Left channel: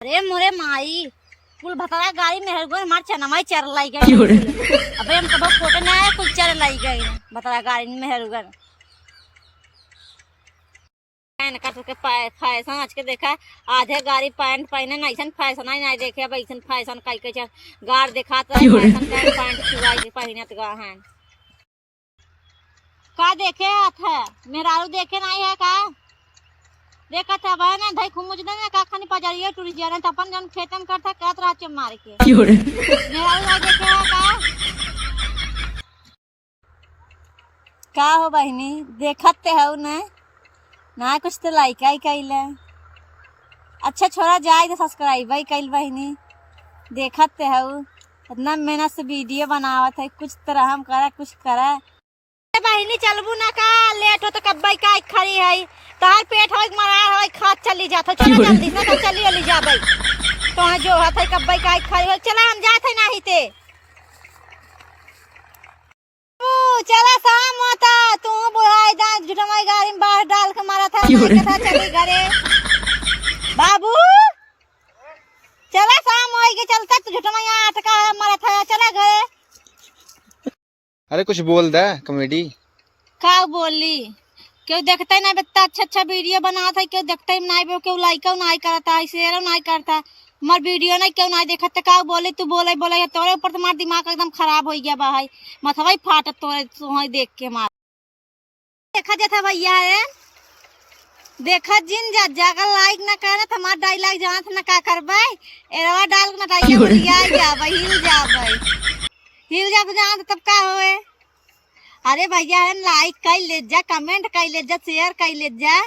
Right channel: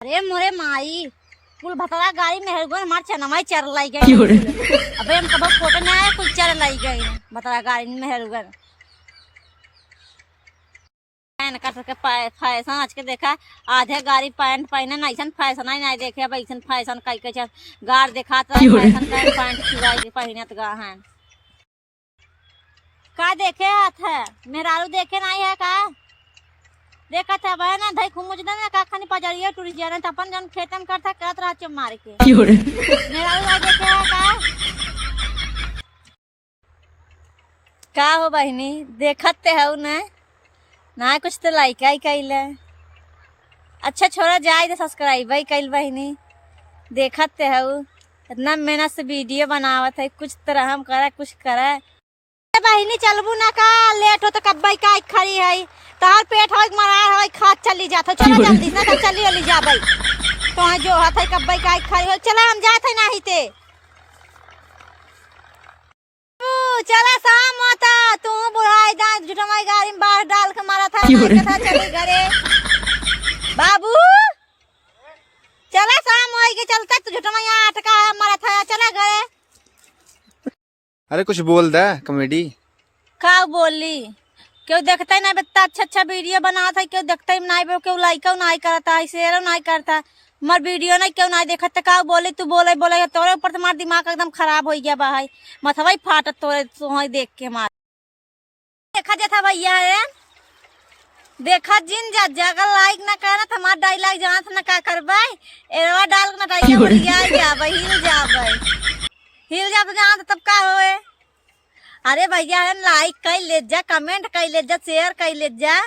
अरे मोरे माई कुल भतरा गाड़ी में हेरगो मार चनमाई चर लाई गई। अबे हम कब फोटो में आया कुल चर लाई गई भतरा गाड़ी में हेरगो कर के फैशन आज के देखा आधे गाड़ी पैंट पहने ना ऐसा फैशन ही नहीं देखे। अब ऐसा फैशन कई कई गाड़ देखा फैशन पैंट चुराई पहनत गा है का देखे है मेहरारू देखे नहीं है का देखा था भाई ना भाई खुमुज ना का खानी पजरिया टूरी जा रहा अपन जन खेतन करता कहत रहा चम मार के मेहरारू आ देखे है का हो बहनी देखत ते हो ना कुछ तो लाइक आई कैला अच्छा छोरा जाए तो सब्सक्राइब ही कैल बहनी देखत ते हो इतना मेहनत से वीडियो बनावत है कुछ तरह हम करा कुछ करा बहनी चलबू ना का लेट हो तो कब्बई का खड़ी है तार पेट हो मरा है खा चली जात चलो जल्दी ना तो चली चली जाबई तो जो है कब्बई का खड़ी हो चला हम जात है नहीं ते चला शाम होता तू बुढ़ाई दांत झुटमाई गाड़ी में बाहर डाल के मारा था चली घरे बाबू चला शाम हो के चलता तू झुटमाई अटका मारा था चला घरे। अरे कुछ बोल दे कॉमेडी का बोली क्यों देखता ही नहीं बता अच्छा वीडियो बनाता है क्यों देखता ही नहीं क्यों लाइक नहीं करता है शेयर नहीं करता मर वीडियो नहीं क्यों नहीं देखता का बोले तू बोले बोले तोरे ऊपर तुम्हारा दिमाग एकदम खराब हो गया भाई मथवा ही फाटत तोरे तुहई देख के मार देखा जाता भैया है देखा जिन जाकर लाइक ना करना तो हमारा डायलॉग जाना ना का करबे एरवा डाल के ना हिल जा जान तब का होए। अरे भैया है लाइक कर ले जा कमेंट कर ले जा शेयर कर ले जा।